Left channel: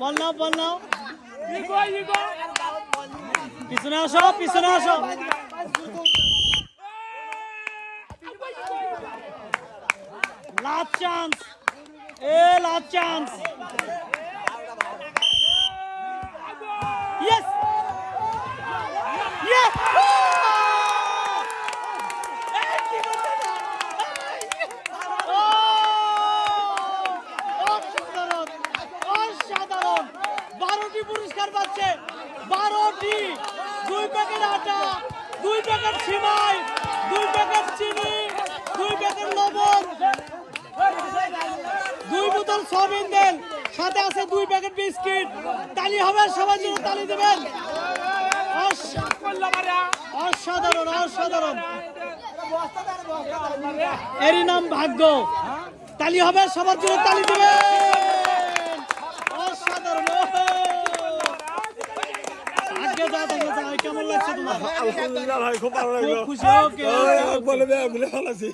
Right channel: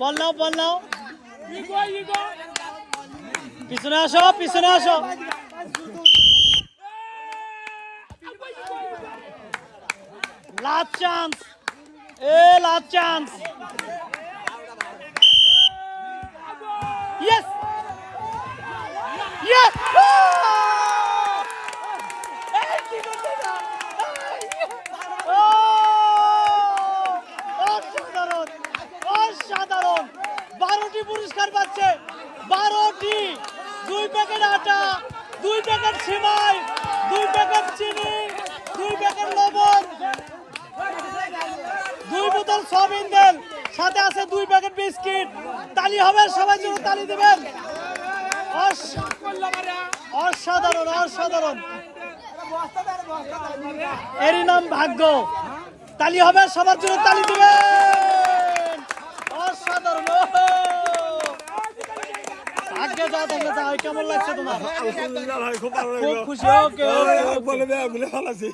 বললাম বললাম পিছনে আসো লাস্ট চান্স Yes! Yes! অসাধারণ 12টি পুরস্কার পাচ্ছে 12টি 2 প্যাকেট আটা 2 প্যাকেট সিমাই 2 প্যাকেট চিনি 2 প্যাকেট লবণ 2 বোতল সয়াবিন তেল সাথে আছে 2 প্যাকেট বিস্কিট তালি হবে সবাই জন্য তালি দিবেন অসাধারণ এরই নাম ভাগ্য তালি হবে সবার জন্য তালি দিবেন অসাধারণ আজকে যা দেখা যায় কেমন লাগছে তোমার আলহামদুলিল্লাহ ভাই খুব ভালো লাগলো খুশি ওকে বলে ভালো আছি